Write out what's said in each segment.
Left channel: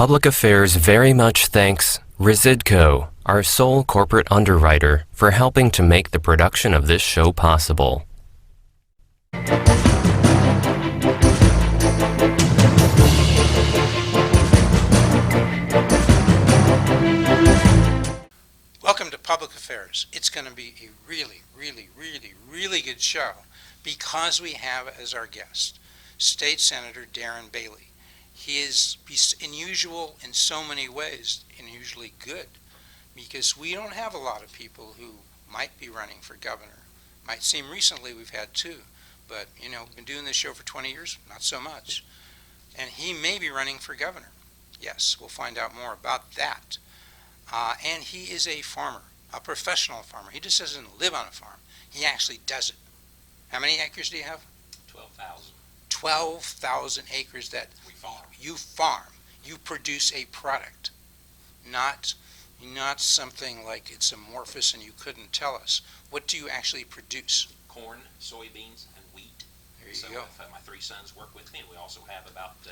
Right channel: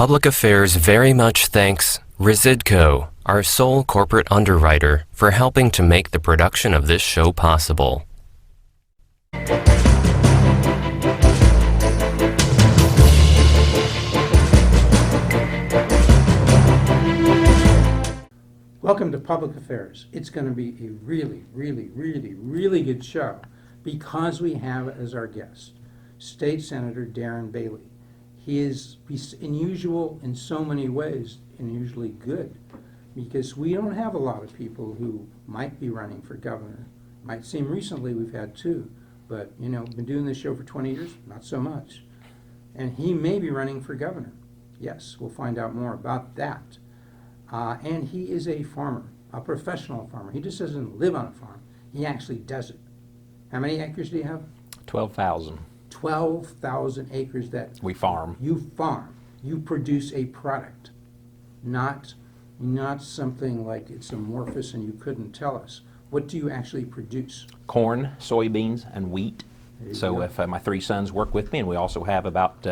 Public Affairs very much thanks Residco, our sole corporate underwriter, for helping to make the production of this show possible. Welcome to Public Affairs. It's going to be a really good show because we have as our guest State Senator Darren Bailey. He's unusual in so many ways, and usually good, because we don't have a lot of people who might be running for governor. Might seem recently we've had two, but been doing this show for 20 years, not so much. And he may be running for governor. Yes, we'll find out more about that. And he is a farmer, a professional farmer. He just doesn't live on a farm. He actually does it. How many acres do you have? 12,000. 12,000 acres that we farm. You farm. You produce a product, not something like it's amorphous and you couldn't tell us. What do you actually produce? Corn, soybeans, and wheat. So if my three sons work with me, and we also have about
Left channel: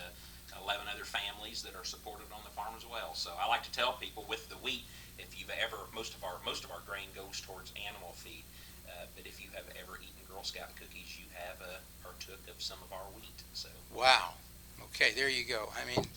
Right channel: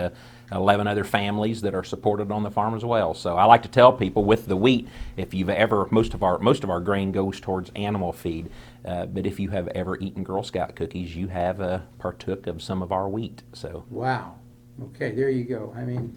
11 other families that are supported on the farm as well. So I like to tell people with the wheat, if you've ever, most of our grain goes towards animal feed, but if you have ever eaten Girl Scout cookies, you have partook of some of our wheat. So wow, okay, there you go. I mean,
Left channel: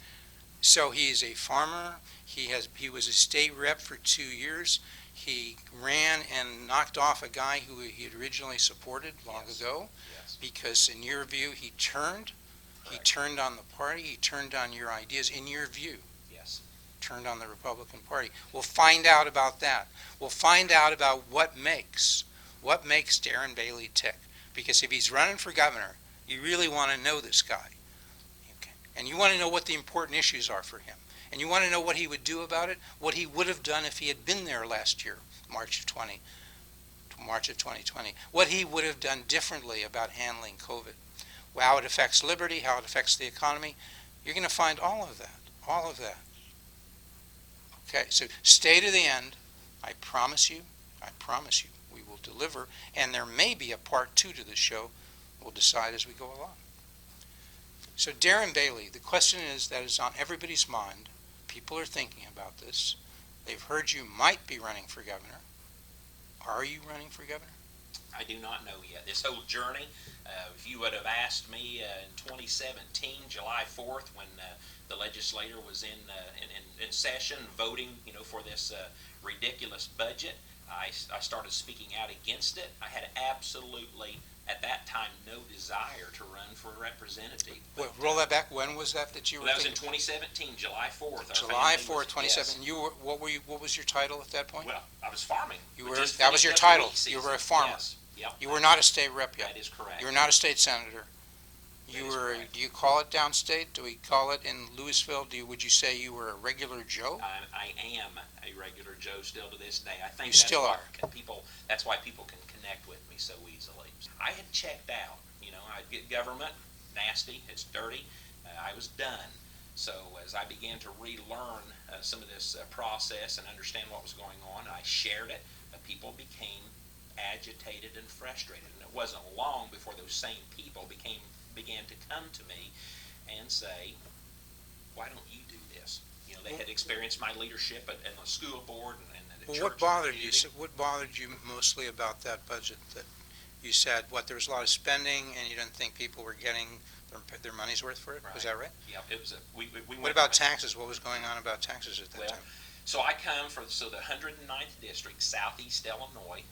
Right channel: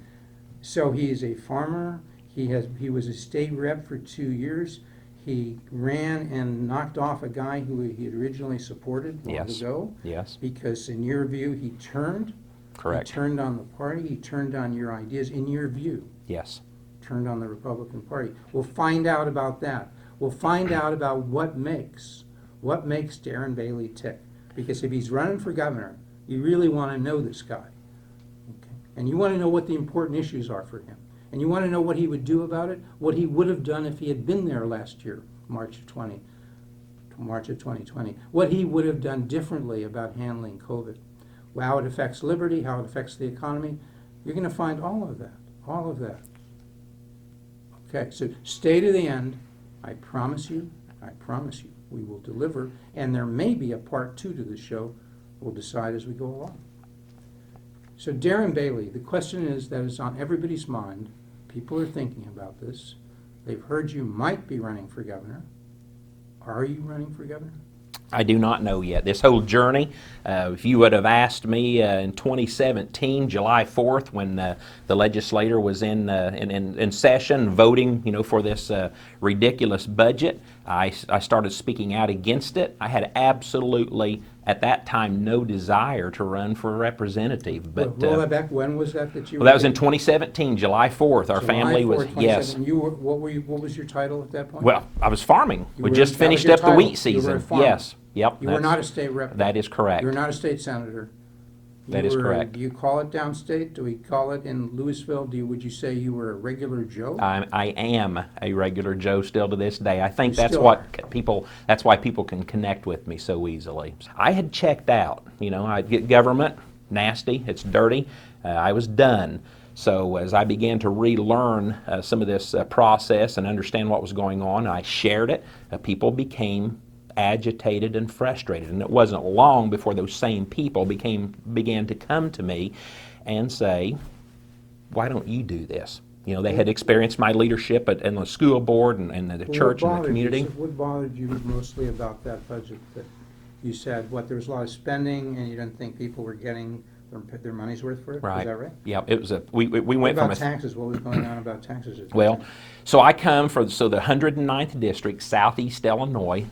so he is a farmer. He was a state rep for 2 years. He ran and knocked off a guy who he had originally supported long ago. Yes. Because in your view, he turned. Correct. He turned on the party. He turned on your ideas. In your view. Yes. Turned on the Republican Party. We'll find out about that. We'll find out about what makes Darren Bailey tick. Because if he's running for governor, you really want to know this guy. Okay? And you want to know what the important issues are for him. And you want to know what he would do about it, what he would have done if he had been there last year, March of 2020, what he would have done differently about handling COVID, how it affects liberty, how it affects the economy. You're going to find all of that. Okay, so stay to the end. I promise you, we will deliver, and there may be a part 2 to the show. We'll decide as we go along. So Darren Bailey, the question that is on everybody's mind. People are thinking about this. They've heard you might be running for governor. Are you running for governor? I do not know yet. This whole journey, if you would have asked me in 2017, July 4th, when the legislature was in session voting, for this ridiculous budget, I started speaking out against it. I had absolutely, at that time, no desire to run for representative. But roll that back. When was that you? Well, that was in 2017. July 4th. Our family was 2017. You were, what was your title at that point? Well, I was farming. We just finished up the wheat season. You were a farmer. Yes. Yep. You were not a state rep. That is correct. You were not a state senator. That is correct. Do you call it downstate? Do we call it in Louisville? Would you say you were a regular Joe? I am a regular Joe still to this day. I think that's why people can connect with me so easily. I had checked out. I'd get government, nasty, it's dirty. I was done. So as I began to relearn some of this process and understand what was going on, I shared it. People became agitated and frustrated, and it wasn't long before those same people began to come to me and say, why don't you do this? They had experienced my leadership in the school board and the church and the community. What bothered you mostly about that budget? That you said, there was a lot of spending and you didn't think people were getting their money's worth for it? Right. Is that right? Yeah, it was we went What about taxes? What was going on about taxes at that time? So I come from the 109th District, southeast Illinois,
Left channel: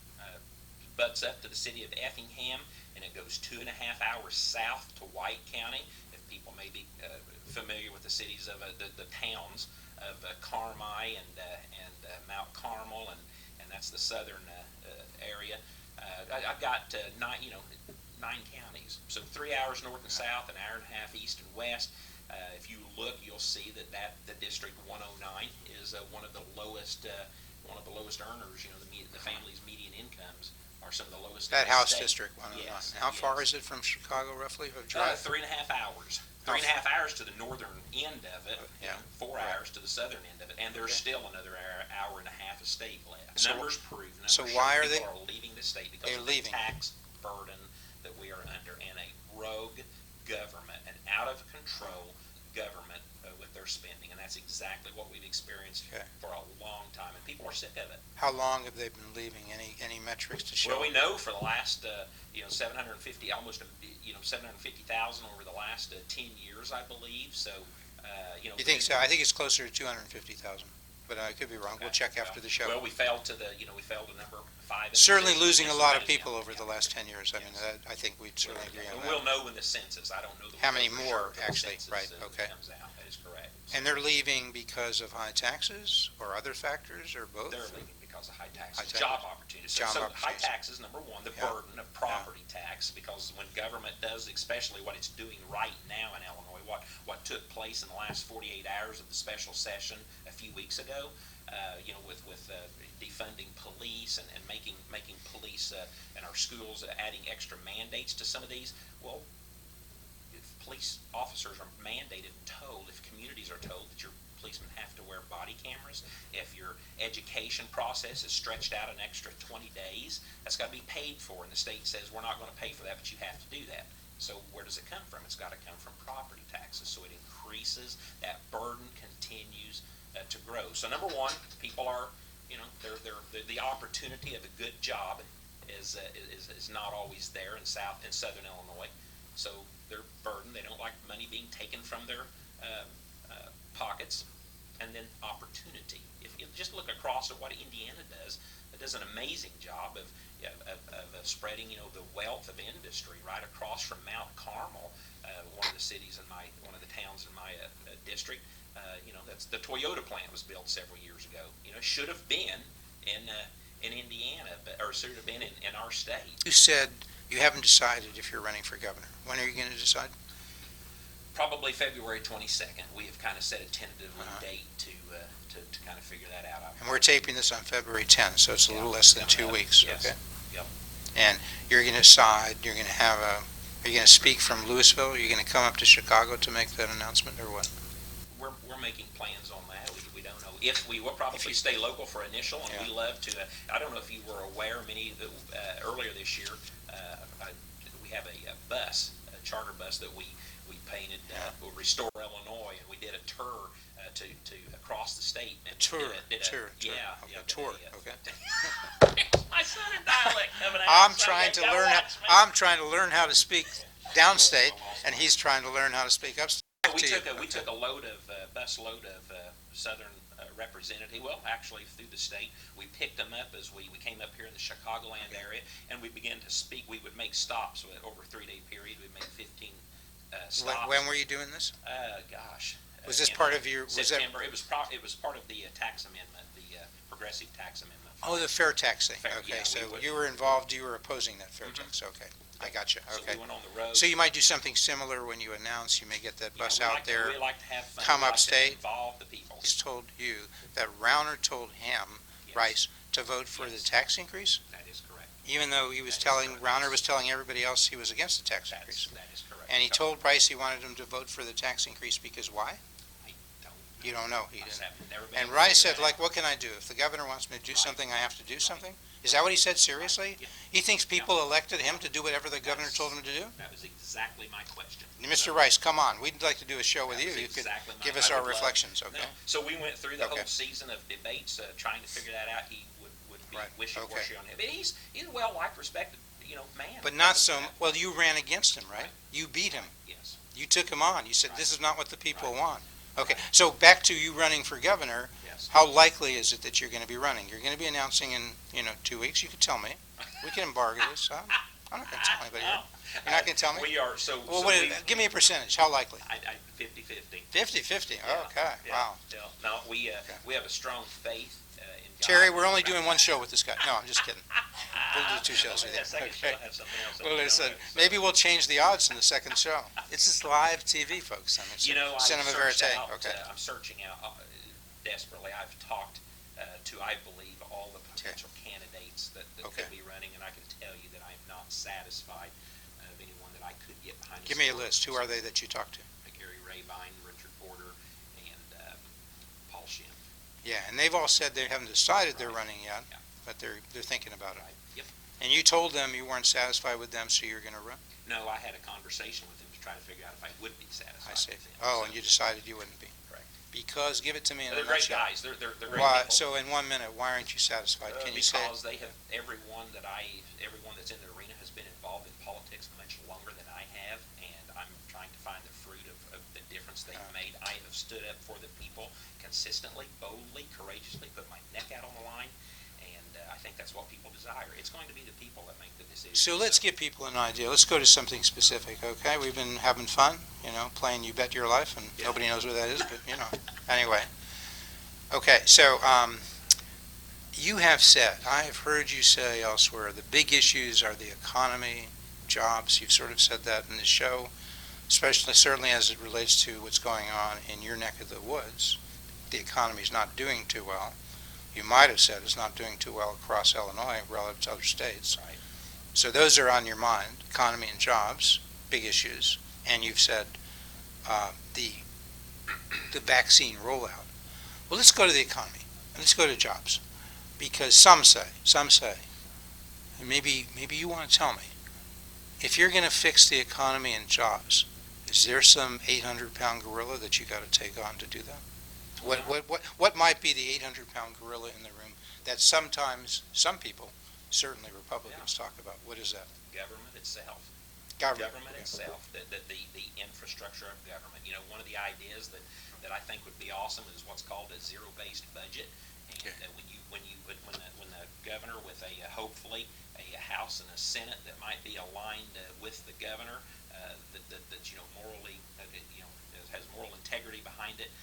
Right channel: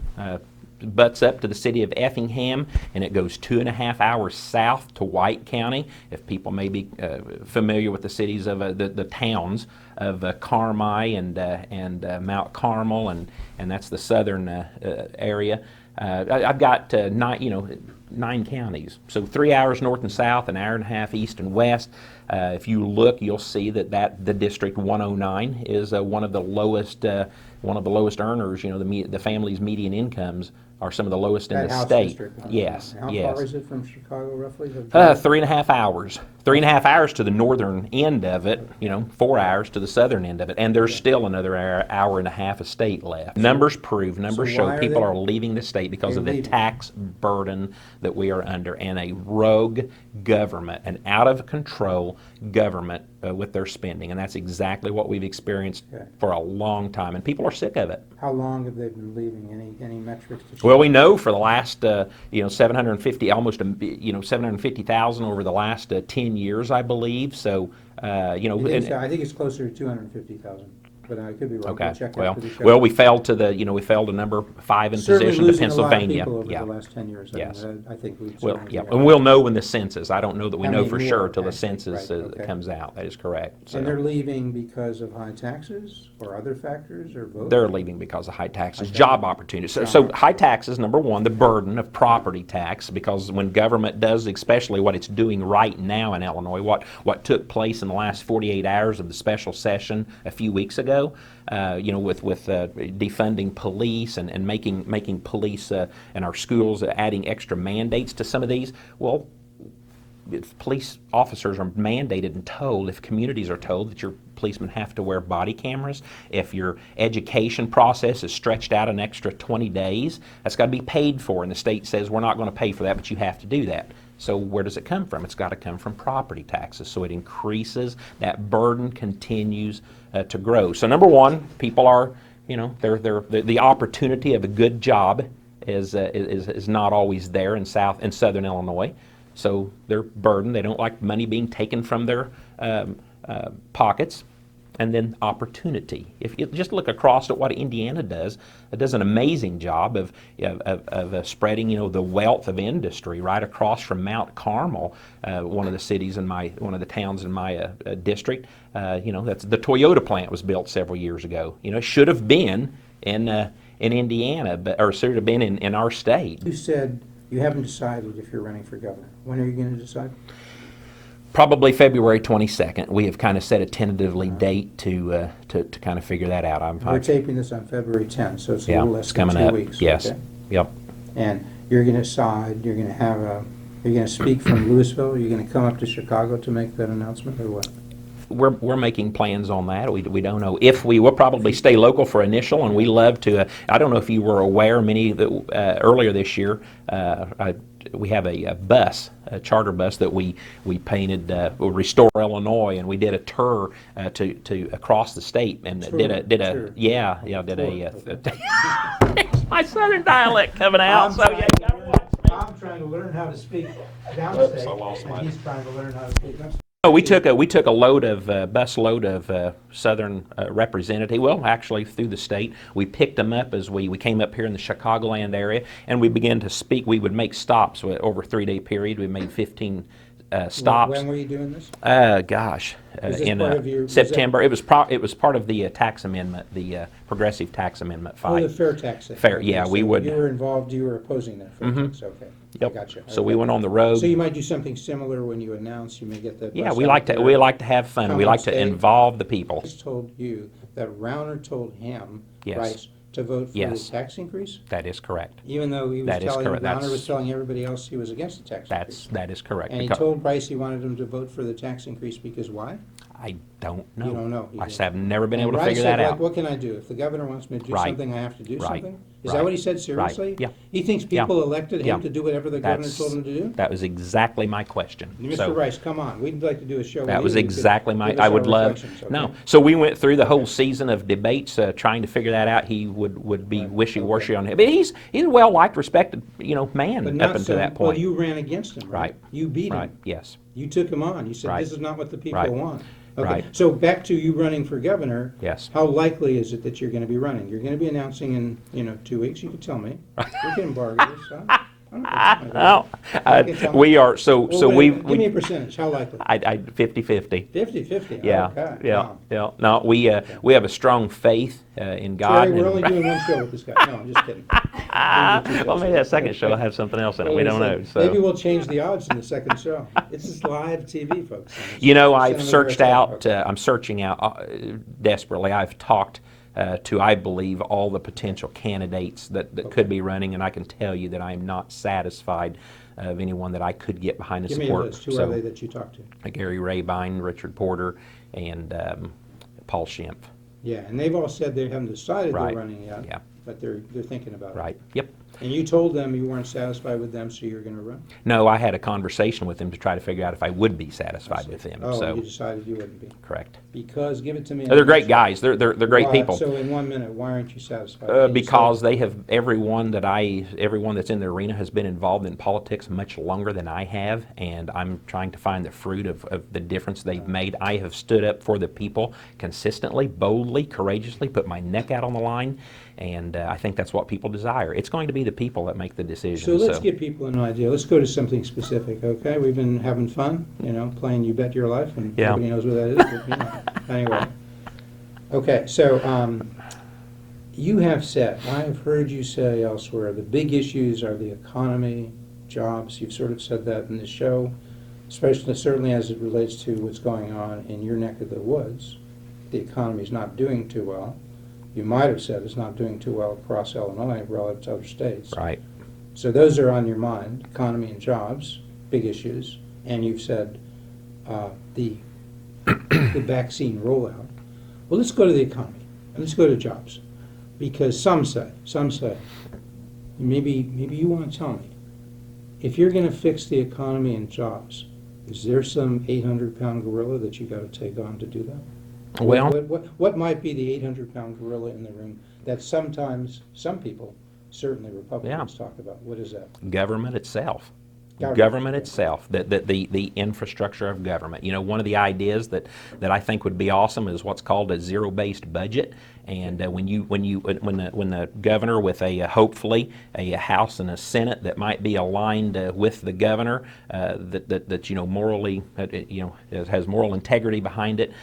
butts up to the city of Effingham, and it goes 2.5 hours south to White County. If people may be familiar with the cities of the towns of Carmi and Mount Carmel, and that's the southern area. I've got 9 counties, so 3 hours north and south, an hour and a half east and west. If you look, you'll see that the District 109 is one of the lowest earners. The family's median incomes are some of the lowest in the state. That House District 109. Yes. How far is it from Chicago, roughly? 3.5 hours. 3.5 hours to the northern end of it, 4 hours to the southern end of it, and there's still another hour and a half of state left. Numbers show why are people they- are leaving the state because They're of the leaving. tax burden that we are under, and a rogue government, an out of control government with their spending, and that's exactly what we've experienced Okay. for a long time, and people are sick of it. How long have they been leaving? Any metrics to show? Well, we know for the last, 750, almost, 750,000 over the last 10 years, I believe. So, You think so? I think it's closer to 250,000, but I could be wrong. Okay. We'll check well, after the show. well, we fell to number 5 in Certainly position losing to a lot of Pennsylvania. people over Yeah. the last 10 years. Yes. I mean, I think we'd Well, certainly yeah, agree on and that. we'll know when the census. I don't know that we How know many for more, sure till the actually? census Right, okay. comes out. That is correct. And So they're leaving because of high taxes or other factors or both? they're leaving because of high taxes, High job taxes. opportunities. So, Job so high opportunities. taxes, number one, the burden of property tax, because when government does, especially what it's doing right now in Illinois, what took place in the last 48 hours of the special session a few weeks ago, with defunding police and making police and our schools adding extra mandates to some of these. Well, if police officers are mandated and told, if communities are told that your policemen have to wear body cameras, if your education process is stretched out an extra 20 days, that's got to be paid for, and the state says we're not going to pay for that, but you have to do that. So where does it come from? It's got to come from property taxes. So it increases, that burden continues to grow. So number one, people are, the opportunity of a good job is not always there in southern Illinois. So they're burdened. They don't like money being taken from their pockets. And then opportunity. If you just look across at what Indiana does, it does an amazing job of spreading, the wealth of industry right across from Mount Carmel, one of the towns in my district. That's the Toyota plant was built several years ago. It should have been in Indiana, or should have been in our state. You said you haven't decided if you're running for governor. When are you going to decide? Probably February 22nd. We have kind of set a tentatively date to kind of figure that out. We're taping this on February 10th, so it's a Yeah, little less it's than coming 2 up. weeks. Yes. Okay? Yep. And you're going to decide, are you going to speak from Louisville? Are you going to come up to Chicago to make that announcement, or what? We're making plans on that. We don't know if will probably stay local for initial, and we love to. I don't know if you were aware, many that earlier this year, we have a charter bus that we painted, Restore Illinois, and we did a tour to across the state and Tour. did a Tour. yeah Tour. did a. Okay. My southern dialect coming out. I'm trying to learn how to speak downstate, and he's trying to learn how to speak upstate. No, we took a bus load of southern representative. Well, actually through the state, we picked them up as we came up here in the Chicagoland area, and we began to speak. We would make stops over a 3-day period. We made 15 stops. When were you doing this? Gosh, Was this in part of your- was that- September. It was part of the tax amendment, the progressive tax amendment fight. Oh, the fair tax thing. Fair, Okay, yeah, we so would- You were involved, you were opposing that fair tax, okay. I Yep. got you. So Okay. we went on the road. So you might do something similar when you announce, you may get that Yeah, bus we out like there. to have fun. Come We like to upstate. involve the people. He's told you that Rauner told him, Yes. Rice, to vote for the Yes. tax increase, That is correct. even though he was That is telling, correct. Rauner was telling everybody else he was against the tax increase. That is correct. And he Because- told Price he wanted him to vote for the tax increase because why? I don't know. You don't know. He I didn't. have never been And able to Rice figure said, that like, out. what can I do? If the governor wants me to do Right. something, I have to do Right. something? Is Right. that what he said seriously? Yeah. He thinks people elected him Yeah. to do whatever the governor That's- told him to do? That was exactly my question. Mr. So Rice, come on. We'd like to do a show with you. That was You could exactly my. give us I our would love. reflections, okay? No. So we went through the whole Okay. season of debates trying to figure that out. He would be Right. wishy-washy Okay. on him, but he's a well-liked, respected man But up not until so, that well, point. you ran against him, right? Right. You beat him. Right. Yes. You took him on. You said, Right. this is not what the people Right. want. Okay, Right. so back to you running for governor. Yes. How likely is it that you're going to be running? You're going to be announcing in, 2 weeks. You could tell me. We can embargo this. I'm not going to tell anybody. No, I can tell we are so Well, so wait a we. minute. Give me a percentage. How likely? I 50-50. 50-50. Yeah. Okay. Yeah. Wow. Yeah. No, we have a strong faith in God. Terry, we're and- only doing one show with this guy. No, I'm just kidding. We'll do 2 Well, shows. maybe that second show will have something else in it. Well, We don't listen, know. So. Maybe we'll change the odds in the second show. This is live TV, folks. And it's I've cinema searched verite. out. Okay. I'm searching out desperately. I've talked to, I believe, all the potential candidates that could be running, and I can tell you that I am not satisfied of anyone that I could get behind and Give me a support. list. Who are they that you talk to? Gary Rabine, Richard Porter, and Paul Schimpf. Yeah, and they've all said they haven't decided they're Right. running yet, Yeah. but they're thinking about it. Right. Yep. And you told them you weren't satisfied with them, so you're going to run? No, I had a conversation with them to try to figure out if I would be I satisfied see. with them. Oh, so, and you decided you wouldn't be? correct. Because, give it to me in They're a great nutshell. guys. They're great Why- people. So in 1 minute, why aren't you satisfied? Can you say Because it? they have everyone that's in the arena has been involved in politics much longer than I have, and I'm trying to find the fruit of the difference they've made. I have stood up for the people consistently, boldly, courageously, put my neck out on the line, and I think that's what people desire. It's going to be the people that make the decisions. So let's give people an idea. Let's go to something specific, okay? We've been having fun, playing You Bet Your Life, and Yeah. nobody knows what that is, but, Anyway. Okay, so you have said, I have heard you say elsewhere, the big issues are the economy, jobs. You've sort of said that in the show, certainly as it relates to what's going on in your neck of the woods. The economy's not doing too well. You might have said it's not doing too well across Illinois relative to other states. Right. So those are on your mind, economy and jobs, big issues. And you've said the vaccine rollout. Well, let's go to the economy, and let's go to jobs. Because some say, and maybe you want to tell me, if you're going to fix the economy and jobs, is there some 800-pound gorilla that you got to take on to do that? Well, What might be the 800-pound gorilla in the room that sometimes some people, certainly Republicans, talk about? What is that? government itself. Government, yeah. Itself, the infrastructure of government. One of the ideas that I think would be awesome is what's called a zero-based budget. And when the governor with hopefully a House and a Senate that might be aligned with the governor, that morally has moral integrity behind it.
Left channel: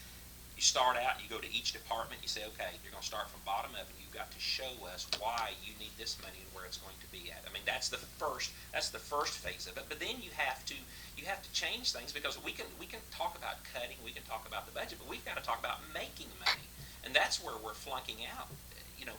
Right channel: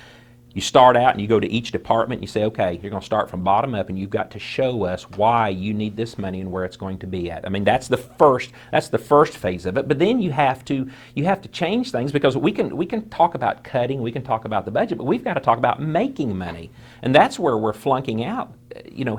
You start out and you go to each department and you say, okay, you're going to start from bottom up, and you've got to show us why you need this money and where it's going to be at. I mean, that's the first phase of it. But then you have to change things, because we can talk about cutting, we can talk about the budget, but we've got to talk about making money. And that's where we're flunking out,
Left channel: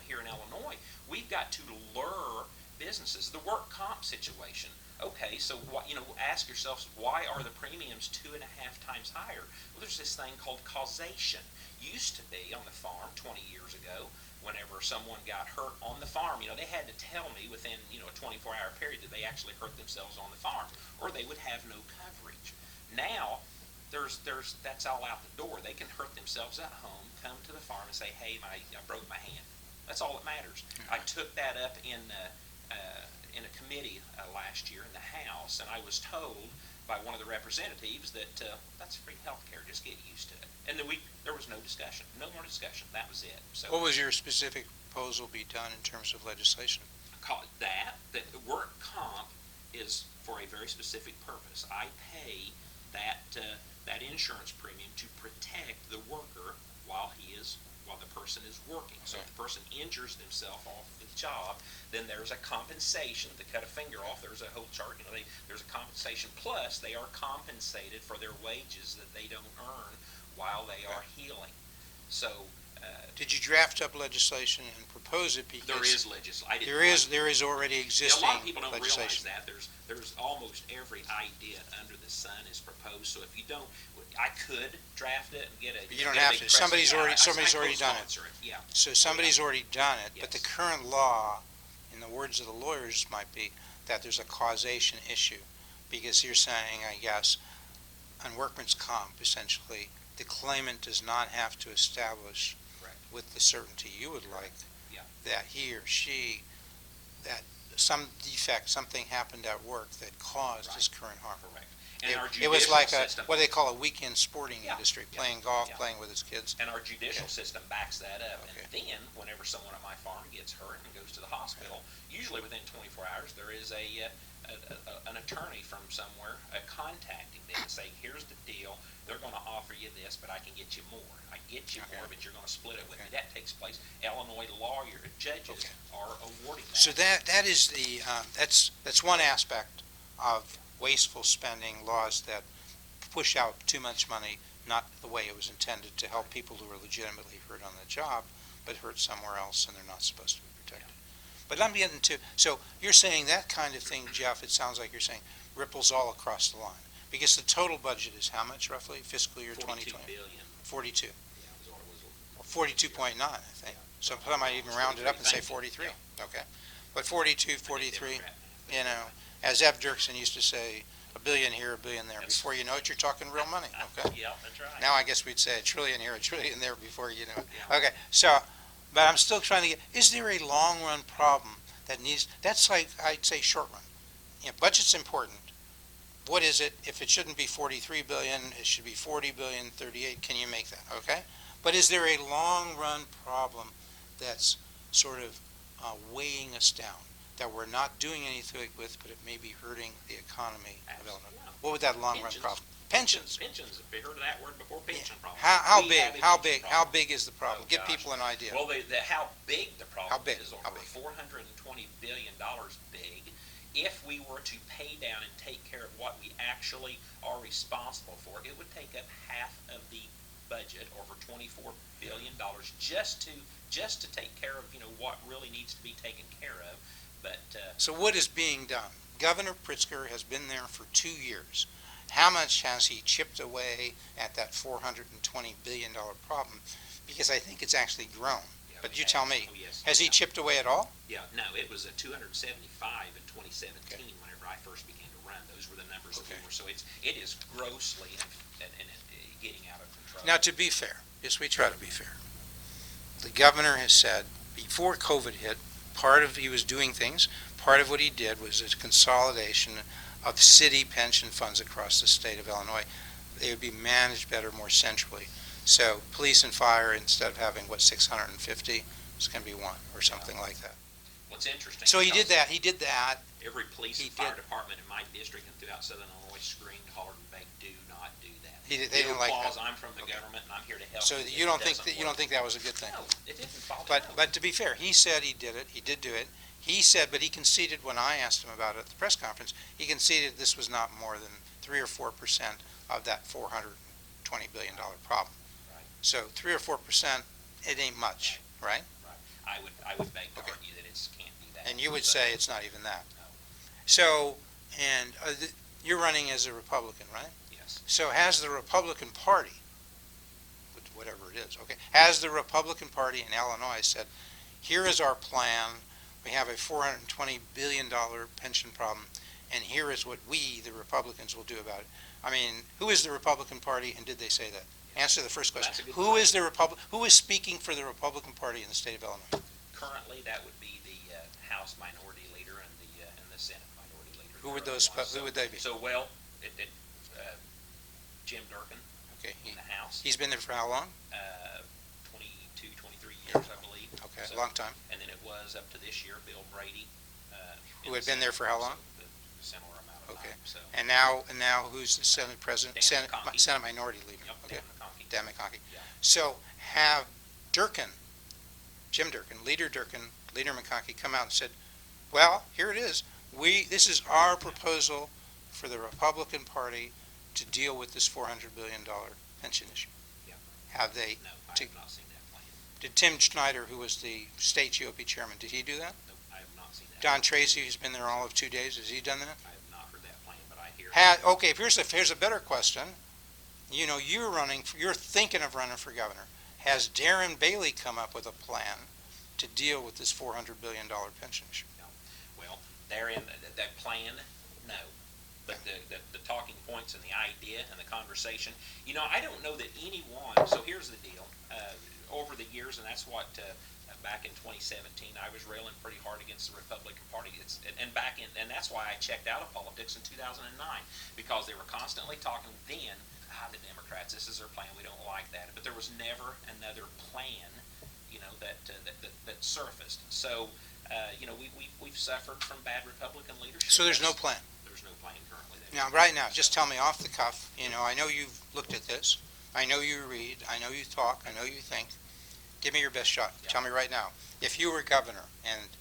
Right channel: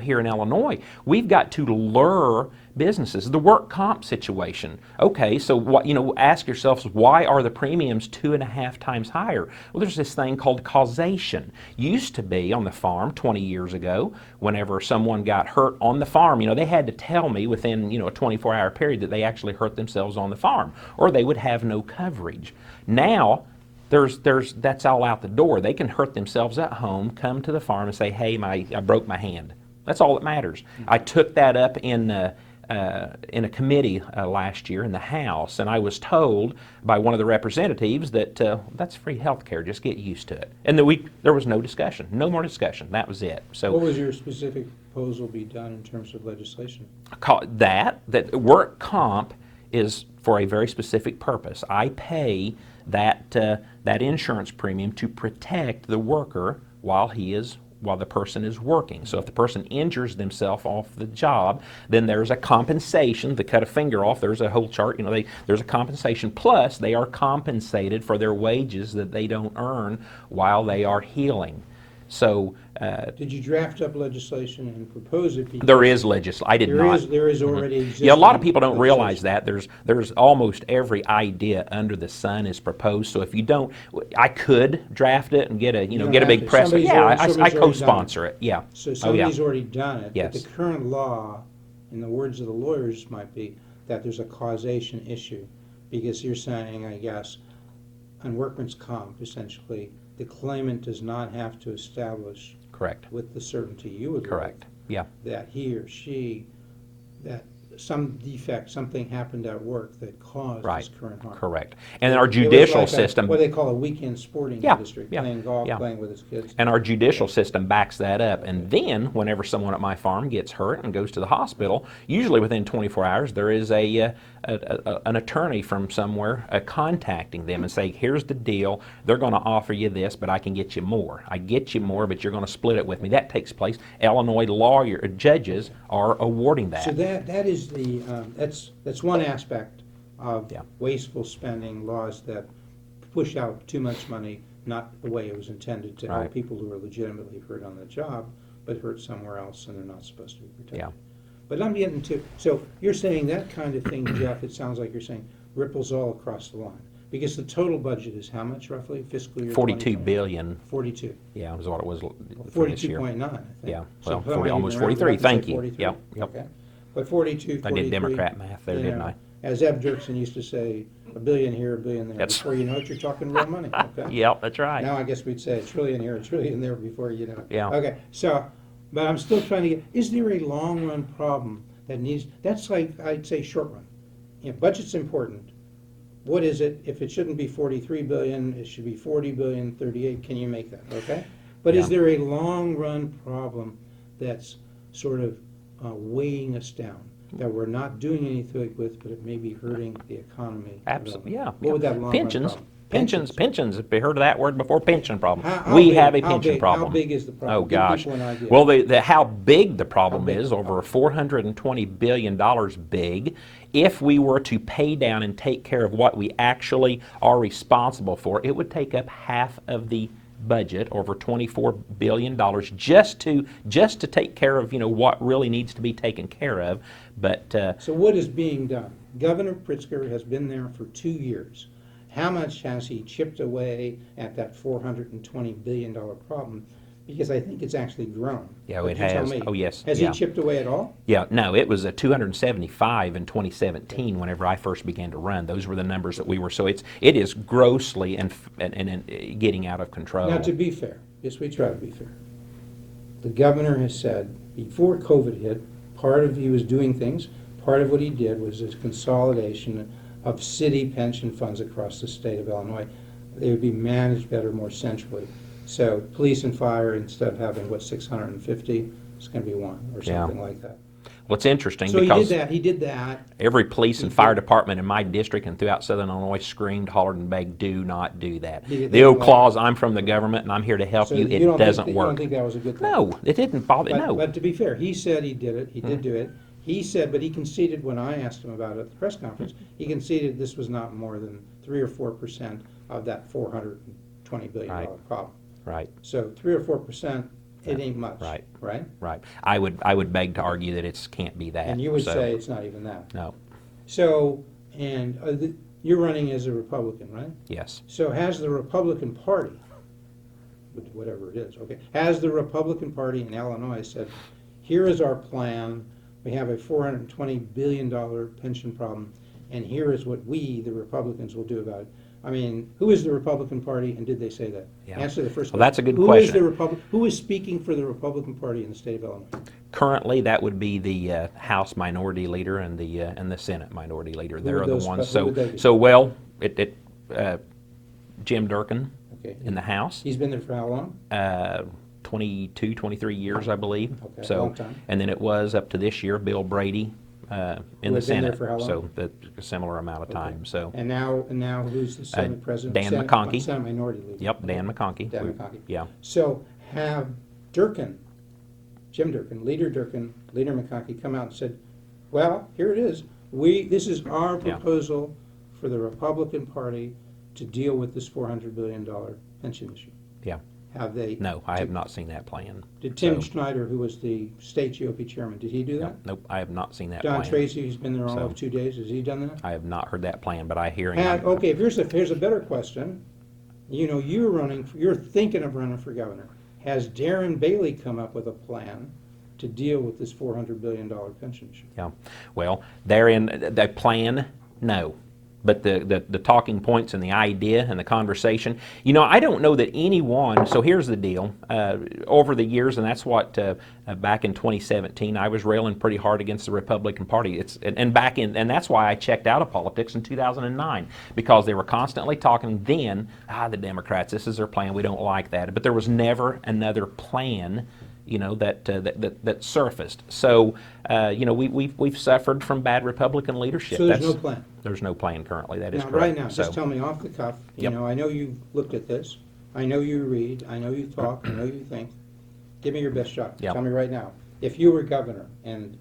here in Illinois. We've got to lure businesses. The work comp situation. Okay, so ask yourselves, why are the premiums 2.5 times higher? Well, there's this thing called causation. Used to be on the farm 20 years ago, whenever someone got hurt on the farm, they had to tell me within, a 24-hour period that they actually hurt themselves on the farm, or they would have no coverage. Now, that's all out the door. They can hurt themselves at home, come to the farm and say, hey, I broke my hand. That's all that matters. I took that up in a committee last year in the House, and I was told by one of the representatives that that's free health care, just get used to it. And there was no discussion, no more discussion. That was it. So What was your specific proposal be done in terms of legislation? that work comp is for a very specific purpose. I pay that insurance premium to protect the worker while the person is working. So if the person injures themselves off the job, then there's a compensation. To cut a finger off, there's a whole chart. There's a compensation. Plus, they are compensated for their wages that they don't earn while they are healing. So Did you draft up legislation and propose it? Because there is legislation. I did not. There is already existing. Yeah, a lot of people don't realize legislation. that. There's almost every idea under the sun is proposed. So if you don't, I could draft it and get a You don't get a have big to. press. Somebody's Yeah, already done I it. co-sponsor it. Yeah. So somebody's Oh, yeah. already done it. Yes. But the current law, in the words of the lawyers, might be that there's a causation issue. Because you're saying, I guess, on workman's comp, essentially, the claimant does not have to establish Correct. with the certainty you would Correct. like Yeah. that he or she, that some defect, something happened at work that caused Right. his current harm. Correct. And our It was judicial like system. what they call a weekend sporting Yeah, industry, yeah, playing golf, yeah. playing with his kids. And our judicial system backs that up. Okay. And then, whenever someone at my farm gets hurt and goes to the hospital, usually within 24 hours, there is an attorney from somewhere contacting them and saying, here's the deal, they're going to offer you this, but I can get you more. I get you more, but you're going to split it with me. That takes place. Illinois judges are awarding that. So that is the, that's one aspect of Yeah. wasteful spending laws that push out too much money, not the way it was intended to help Right. people who are legitimately hurt on the job, but hurt somewhere else and they're not supposed to be protected. Yeah. But I'm getting to, so you're saying that kind of thing, Jeff, it sounds like you're saying, ripples all across the line. Because the total budget is how much roughly, fiscal year 42 2020? billion. 42. Yeah, was what it was. For this year. 42.9, I think. Yeah, So well, I might even almost round it 43. up and say Thank you. 43. Yep, yep. Okay. But 42, I did 43. Democrat math there, You didn't know, I? as Eb Dirksen used to say, a billion here, a billion there. That's- Before you know it, you're talking real money. Okay. Yep, that's right. Now I guess we'd say a trillion here, a trillion there before you know it. Yeah. Okay, so, but I'm still trying to get, is there a long-run problem that needs, that's like, I'd say short run. You know, budget's important. What is it? If it shouldn't be 43 billion, it should be 40 billion, 38. Can you make that? Okay? But is Yeah. there a long-run problem that's sort of weighing us down, that we're not doing anything with, but it may be hurting the economy? Absolutely, yeah. What would that long-run Pensions. problem? Pensions, if you heard of that word before, pension problem. How We big- have a how pension big- problem. How big is the problem? Oh, Give gosh. people an idea. Well, how big the problem big? is, How over big? $420 billion big. If we were to pay down and take care of what we actually are responsible for, it would take up half of the budget, over $24 billion, just to take care of, what really needs to be taken care of. But So what is being done? Governor Pritzker has been there for 2 years. How much has he chipped away at that $420 billion problem? Because I think it's actually grown. Yeah, But it you tell has. me. Oh, yes. Has Yeah. he chipped away at all? yeah, no, it was a 275 in 2017 whenever I first began to run. Those were the numbers that we were. So it is grossly and getting out of control. Now, to be fair, yes, we try to be fair. The governor has said, before COVID hit, he was doing things, part of what he did was a consolidation of city pension funds across the state of Illinois. They would be managed better, more centrally. So police and fire, instead of having, 650, it's going to be one or Yeah. something like that. What's interesting, So he because did that. every police and He fire did- department in my district and throughout southern Illinois screamed, hollered, and begged, do not do that. They The old didn't like clause, I'm from the government and I'm here to help So you, you it don't doesn't think, you work. don't think that was a good thing? No, it didn't bother, But, no. but to be fair, he said he did it, he did do it. He said, but he conceded when I asked him about it at the press conference, he conceded this was not more than 3 or 4% of that $420 billion Right. problem. Right, So 3 or 4%, it ain't much, Right. right? right. I would beg to argue that it can't be that. And you would so, say it's not even that. No, So, and you're running as a Republican, right? yes. So has the Republican Party, whatever it is, okay, has the Republican Party in Illinois said, here is our plan, we have a $420 billion pension problem, and here is what we, the Republicans, will do about it? I mean, who is the Republican Party, and did they say that? Yeah. Answer the first Well, question. that's a good Who is question. who is speaking for the Republican Party in the state of Illinois? Currently, that would be the House Minority Leader and the Senate Minority Leader. Who They're would the those- ones. who would they be? So well, Jim Durkin Okay, in the House. he's been there for how long? 22, 23 years, I believe. Okay, So, long time. And then it was up to this year, Bill Brady in Who the had been Senate. there for how long? So a similar amount of Okay. time. So And now who's the Senate President? Dan McConkey. Senate Minority Leader. yep, Dan Okay. McConkey. Dan McConkey. Yeah. So have Jim Durkin, Leader McConkey come out and said, well, here it is. This is our proposal for the Republican Party to deal with this $400 billion pension issue. Yeah. Have they? No, I have not seen that plan. Did Tim So- Schneider, who was the state GOP chairman, did he do that? Nope, I have not seen that John plan. Tracy, who's been there all So- of 2 days, has he done that? I have not heard that plan, but I hear. Okay, here's a better question. You're thinking of running for governor. Has Darren Bailey come up with a plan to deal with this $400 billion pension issue? Yeah, well, therein, the plan, no. But the talking points and the idea and the conversation, I don't know that anyone, so here's the deal, over the years, and that's what, back in 2017, I was railing pretty hard against the Republican Party. And that's why I checked out of politics in 2009, because they were constantly talking then, the Democrats, this is their plan, we don't like that. But there was never another plan, that surfaced. So, we've suffered from bad Republican leadership. So there's no plan? There's no plan currently, that is Now, correct. right now, just So- tell me off the cuff, Yep. I know you've looked at this, I know you read, I know you talk, I know you think. Give me your best shot. Yep. Tell me right now, if you were governor and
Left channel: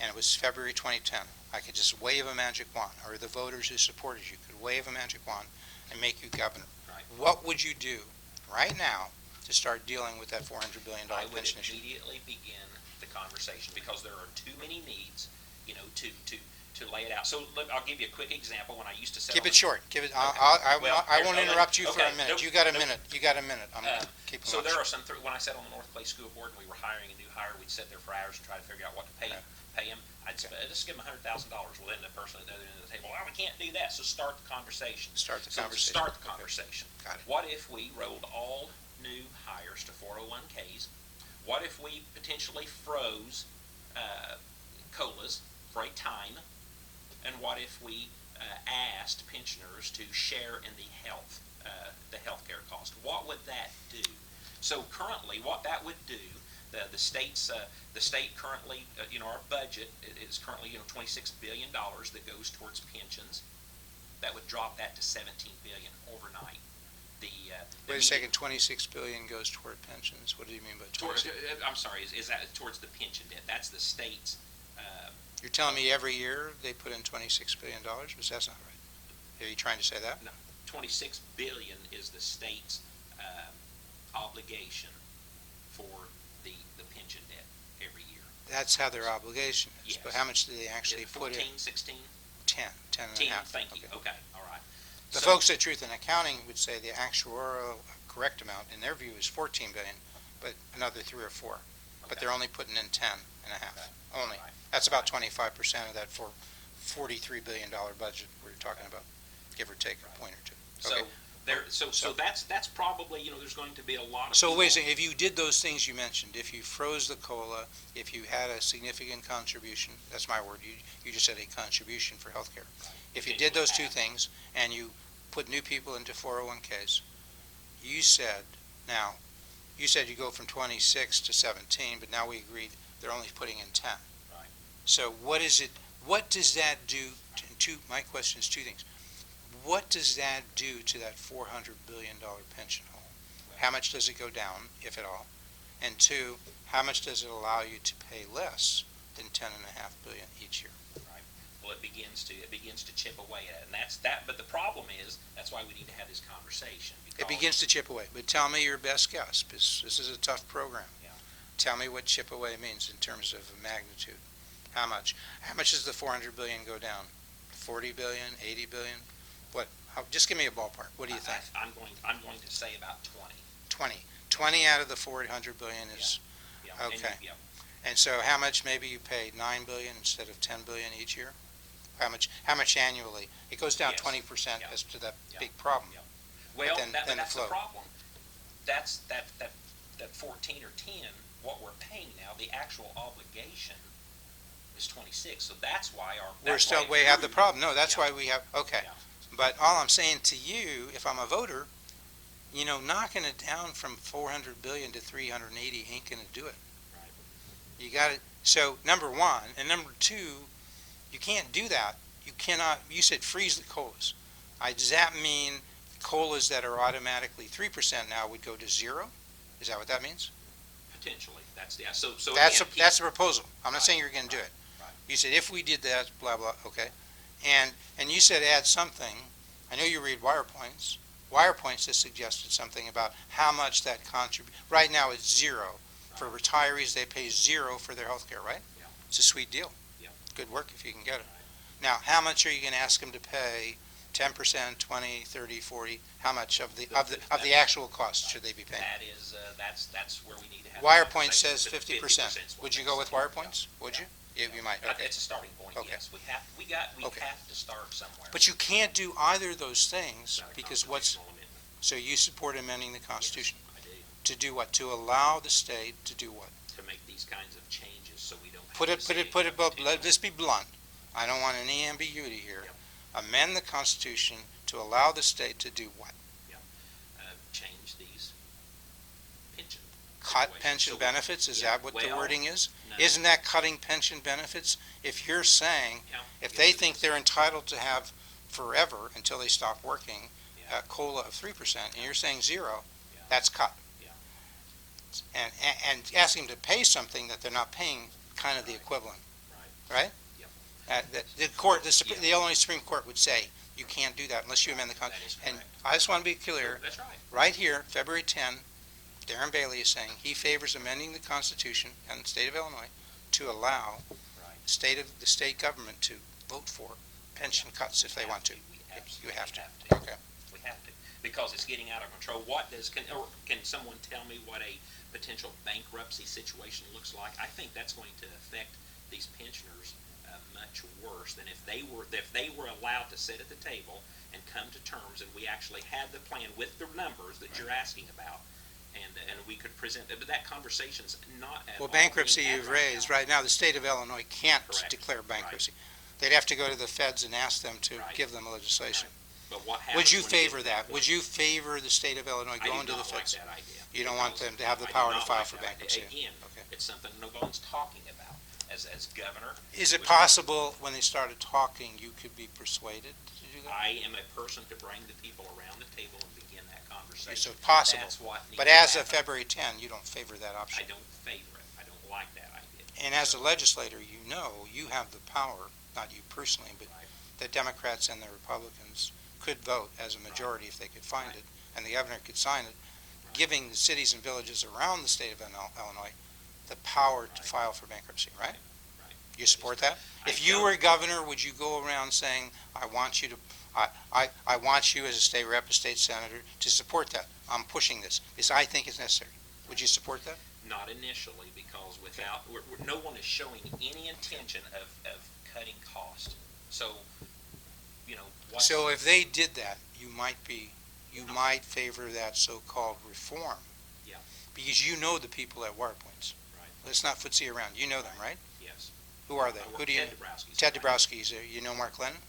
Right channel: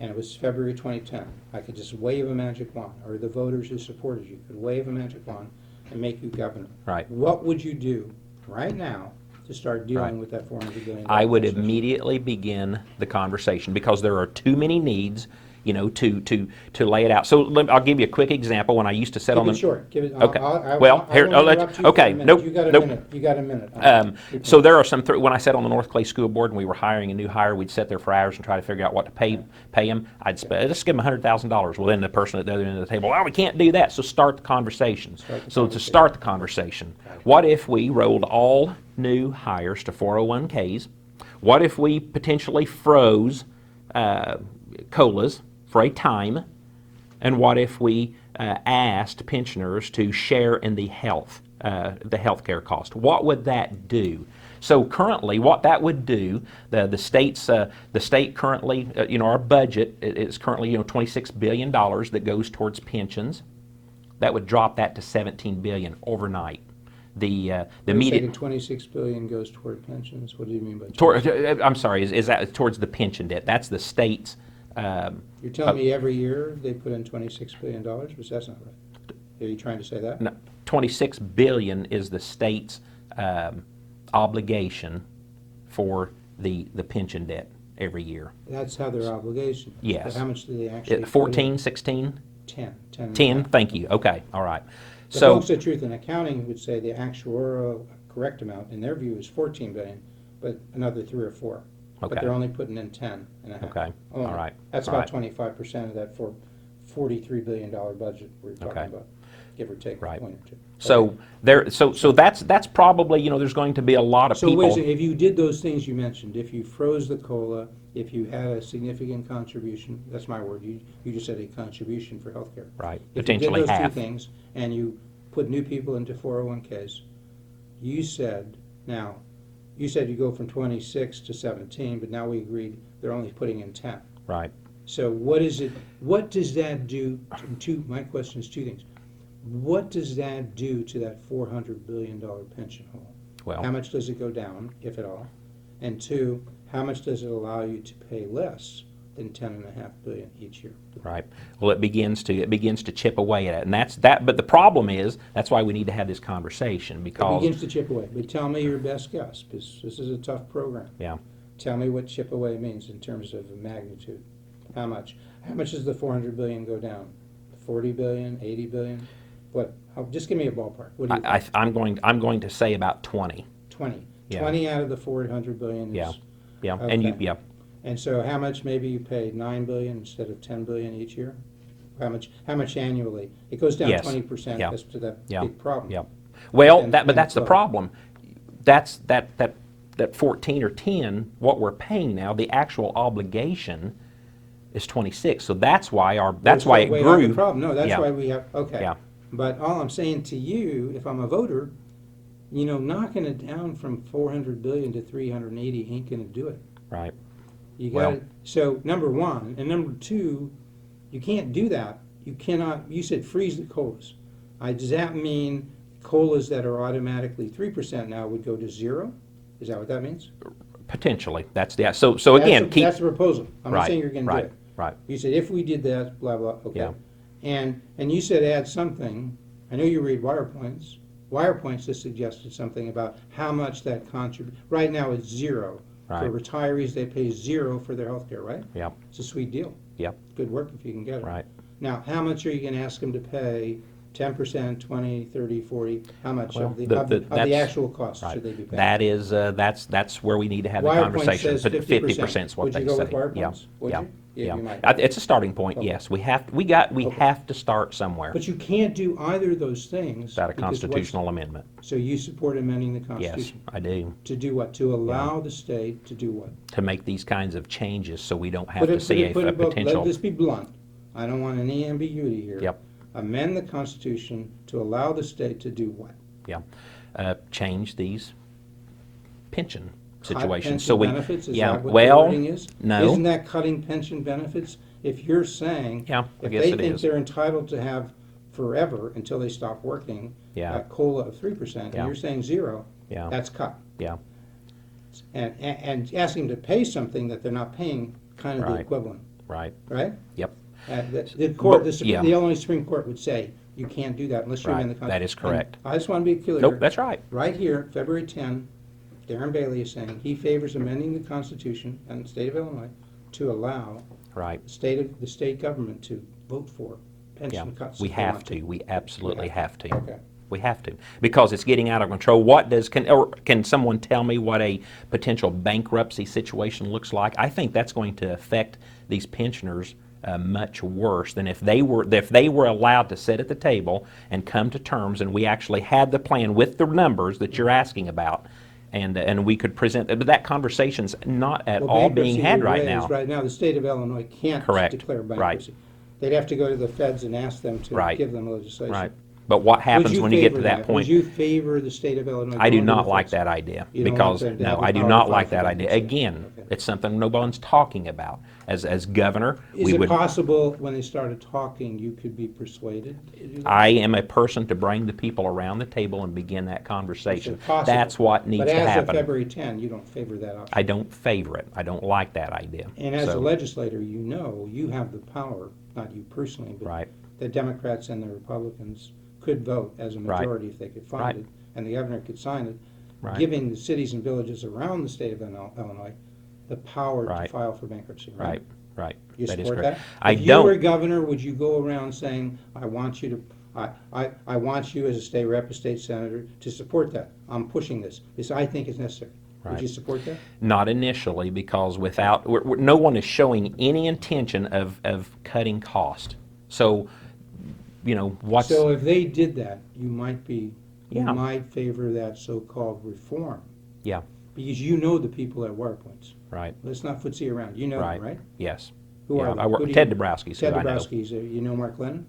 it was February 2010, I could just wave a magic wand, or the voters who supported you could wave a magic wand and make you governor. Right. What would you do right now to start dealing with that $400 billion I would pension issue? immediately begin the conversation, because there are too many needs to lay it out. So I'll give you a quick example. When I used to sit on Keep the it short. Give it. Okay. I Well, here- won't oh, let's- interrupt you for a okay, minute. nope, You got a nope. minute. You got a minute. Keep So going. there are some, when I sat on the North Clay School Board and we were hiring a new hire, we'd sit there for hours and try to figure out what to pay them. Let's give them $100,000. Well, then the person at the other end of the table, well, we can't do that. So start the conversation. To start the conversation, what if we rolled all new hires to 401ks? What if we potentially froze COLAs for a time? And what if we asked pensioners to share in the health care cost? What would that do? So currently, what that would do, the state currently, our budget is currently $26 billion that goes towards pensions. That would drop that to $17 billion overnight. Wait a second, $26 billion goes toward pensions. What do you mean by I'm sorry, is that towards the pension debt? That's the state's. You're telling me every year they put in $26 billion? Because that's not right. Are you trying to say that? No, $26 billion is the state's obligation for the pension debt every year. That's how their obligation is. Yes. But how much do they actually 14, 16? 10. 10, thank you. Okay, all right. The folks at Truth in Accounting would say the actuarial correct amount, in their view, is $14 billion, but another 3 or 4. Okay. But they're only putting in 10 and a half. Okay, Only. all right. That's all about right. 25% of that $43 billion budget we're talking Okay. about, give or take Right. a point or two. So Okay. so that's probably, there's going to be a lot of So people. wait a second, if you did those things you mentioned, if you froze the COLA, if you had a significant contribution, that's my word, you just said a contribution for healthcare. Right. If you did Potentially those two half. things and you put new people into 401ks, you said you go from 26 to 17, but now we agreed they're only putting in 10. Right. So what does that do my question is two things. What does that do to that $400 billion pension hole? Well, How much does it go down, if at all? And two, how much does it allow you to pay less than $10.5 billion each year? right. Well, it begins to chip away at it, and that's that. But the problem is that's why we need to have this conversation, because It begins to chip away. But tell me your best guess, because this is a tough program. Yeah. Tell me what chip away means in terms of magnitude. How much? How much does the $400 billion go down? 40 billion, 80 billion? What? Just give me a ballpark. What do you think? I'm going to say about 20. 20. Yeah. 20 out of the $400 billion is. Yeah. Okay. And yeah. And so how much maybe you pay? 9 billion instead of 10 billion each year? How much annually? It goes down Yes. 20% Yeah. as to that Yeah. big problem. Yeah. Well, then but that's the flow. problem. That's that 14 or 10. What we're paying now, the actual obligation is 26. So that's why We're it still way out grew. the problem. No, that's Yeah. why we have, okay. Yeah. But all I'm saying to you, if I'm a voter, knocking it down from 400 billion to 380 ain't gonna do it. Right. You Well- got it. So number one, and number two, you can't do that. You cannot. You said freeze the COLAs. Does that mean COLAs that are automatically 3% now would go to 0? Is that what that means? Potentially. That's the so again. That's the proposal. I'm not Right, saying you're going to do right, it. Right. You said if we did that, blah blah. Okay. Yeah. And you said add something. I know you read Wire Points. Wire Points just suggested something about how much that contribute. Right now it's 0. For Right. retirees, they pay 0 for their health care, right? Yeah. It's a sweet deal. Yep. Good work if you can get it. Right. Now, how much are you going to ask them to pay? 10%, 20, 30, 40? How much Well, of the that's- actual cost Right. should they be paying? That is that's where we need to have Wire the Point conversation. says 50%. is what Would you they go with say. Wire Yeah, Points? Would yeah, you? Yeah, you might. It's a starting point. Okay. Yes, we have Okay. have to start somewhere. But you can't do either of those things. Without a because constitutional amendment. So you support amending the Constitution? Yes, I do. To do what? To allow the state to do what? To make these kinds of changes so we don't have Put to it, see a let potential. this be blunt. I don't want any ambiguity here. Yep. Amend the Constitution to allow the state to do what? Change these pension Cut situations. pension So we- benefits? Is yeah, that what the well, wording is? no. Isn't that cutting pension benefits? If you're saying, Yeah, I if guess they it think is. they're entitled to have forever until they stop working, Yeah. a COLA of 3%, Yeah. and you're saying 0, Yeah. that's cut. Yeah. And asking them to pay something that they're not paying, kind of the Right. equivalent, Right. right? Yep. The court, yeah. the Illinois Supreme Court would say, you can't do that unless you amend the Right. Constitution. That is correct. I just want to be clear. Nope, that's right. Right here, February 10, Darren Bailey is saying he favors amending the Constitution in the state of Illinois to allow Right. the state government to vote for pension Yeah. cuts We if they have want to. to. We absolutely have to. Okay. We have to, because it's getting out of control. Can someone tell me what a potential bankruptcy situation looks like? I think that's going to affect these pensioners much worse than if they were allowed to sit at the table and come to terms, and we actually had the plan with the numbers that you're asking about, and we could present. But that conversation's not at Well, all being bankruptcy had you right now. raised, right now, the state of Illinois can't Correct. declare Right. bankruptcy. They'd have to go to the feds and ask them to Right. give them legislation. Right. But what happens when you get to that point? Would you favor the state of Illinois I do going to the not like feds? that idea. You don't because, want them to no, have the I do power to not file like for that idea. bankruptcy. Again, Okay. it's something no one's talking about. As governor, Is we it would, possible when they started talking, you could be persuaded to do that? I am a person to bring the people around the table and begin that conversation. Is it possible? That's what needs But to as happen. of February 10, you don't favor that option. I don't favor it. I don't like that idea. And as a So, legislator, you know you have the power, not you personally, but right, the Democrats and the Republicans could vote as a Right. majority if they could find Right. it, and the governor could sign it, right, giving the cities and villages around the state of Illinois the power to Right. file for bankruptcy, right? right, right. You That is support correct. that? I If you were don't. governor, would you go around saying, I want you as a state rep, a state senator, to support that? I'm pushing this, because I think it's necessary. Would Right. you support that? Not initially, because no one is showing any intention of cutting cost. So, what's. So if they did that, you might Yeah. favor that so-called reform. Yeah. Because you know the people at Water Points. Right, Let's not footsie around. You know them, right? yes. Who Yeah, are they? I work- Who do Ted you- Dabrowski's Ted who I know. Dabrowski's, you know Mark Lennon?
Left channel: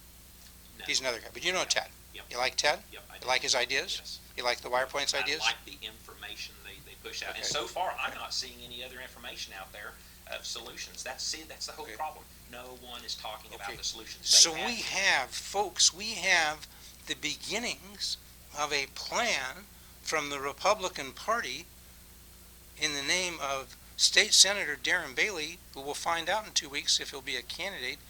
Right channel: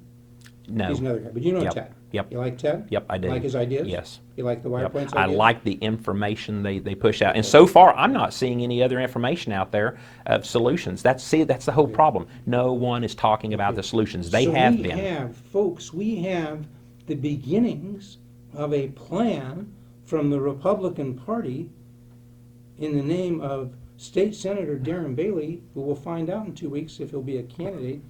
No. He's another guy, but you know Yep. Ted. Yep. You like Ted? Yep, I do. You like his ideas? Yes. You like the Water Yep. Points I ideas? like the information they push out. And Okay. so far, I'm not seeing any other information out there of solutions. That's the whole Okay. problem. No one is talking about Okay. the solutions. They So have we been. have, folks, we have the beginnings of a plan from the Republican Party in the name of State Senator Darren Bailey, who we'll find out in 2 weeks if he'll be a candidate.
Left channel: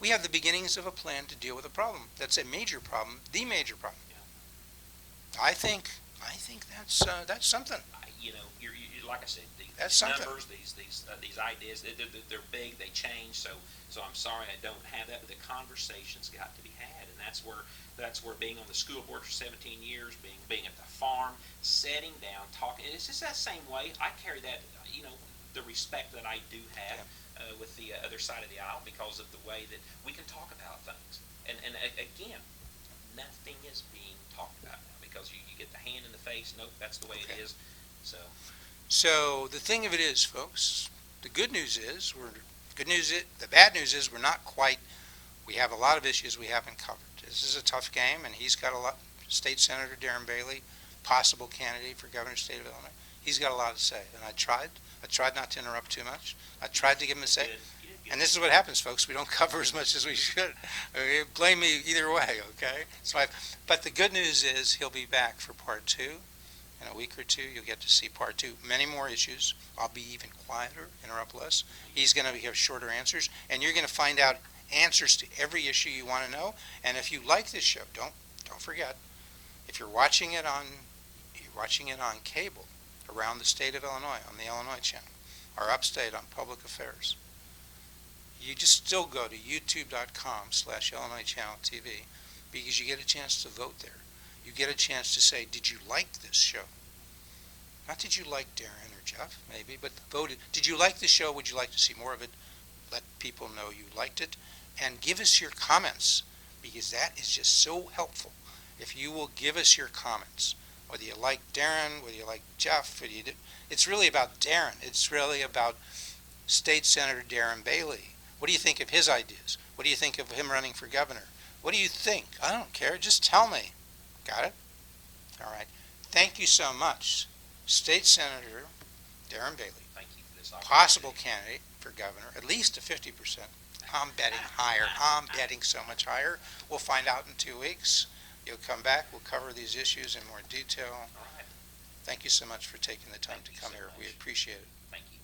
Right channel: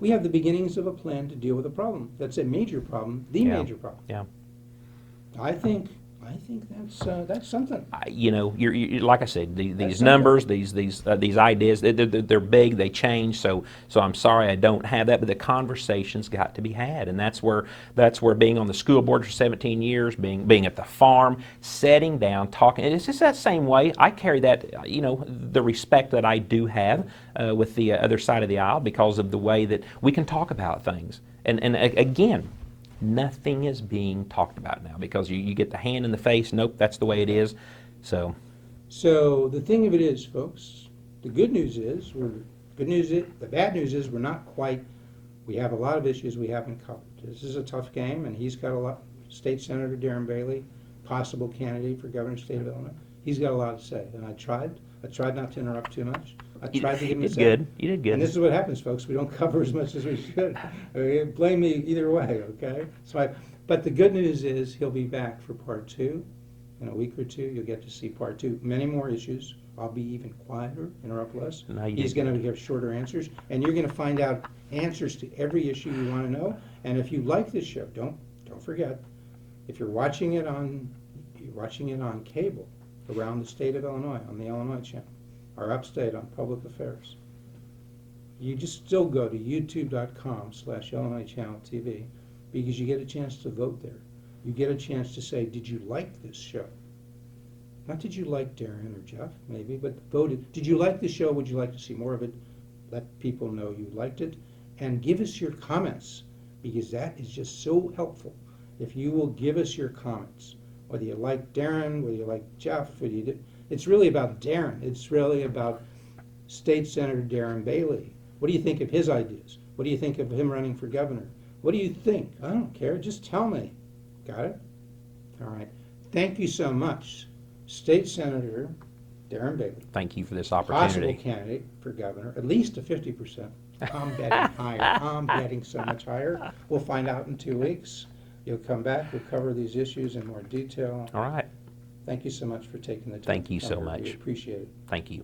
We have the beginnings of a plan to deal with a problem. That's a major problem, the Yeah. major problem. Yeah. I think that's something. You're like I said, these That's numbers, these ideas, they're big, they change. So I'm sorry I don't have that, but the conversation's got to be had, and that's where being on the school board for 17 years, being at the farm, sitting down, talking. And it's just that same way. I carry that, the respect that I do have with the other side of the aisle because of the way that we can talk about things. And again, nothing is being talked about now because you get the hand in the face. Nope, that's the way it is. So So the thing of it is, folks, the good news is, the bad news is we're not quite, we have a lot of issues we haven't covered. This is a tough game, and he's got a lot, State Senator Darren Bailey, possible candidate for governor of the state of Illinois, he's got a lot to say, and I tried not to interrupt too much. I tried to give him a you say. did good. You did good. And this is what happens, folks. We don't cover as much as we should. Blame me either way, okay? But the good news is he'll be back for part 2. In a week or two, you'll get to see part 2. Many more issues. I'll be even quieter, interrupt less. No, you He's didn't. going to have shorter answers, and you're going to find out answers to every issue you want to know. And if you like this show, don't forget, if you're watching it on cable around the state of Illinois, on the Illinois Channel, or upstate on Public Affairs, you just still go to youtube.com/IllinoisChannelTV because you get a chance to vote there. You get a chance to say, did you like this show? Not did you like Darren or Jeff, maybe, but voted. Did you like the show? Would you like to see more of it? Let people know you liked it. And give us your comments, because that is just so helpful. If you will give us your comments, whether you like Darren, whether you like Jeff, it's really about Darren. It's really about State Senator Darren Bailey. What do you think of his ideas? What do you think of him running for governor? What do you think? I don't care. Just tell me. Got it? All right. Thank you so much, State Senator Darren Bailey. Thank you for this opportunity. Possible candidate for governor, at least a 50%. I'm betting higher. I'm betting so much higher. We'll find out in 2 weeks. You'll come back. We'll cover these issues in more detail. All right. Thank you so much for taking the time Thank to you come so here. much. We appreciate it. Thank you.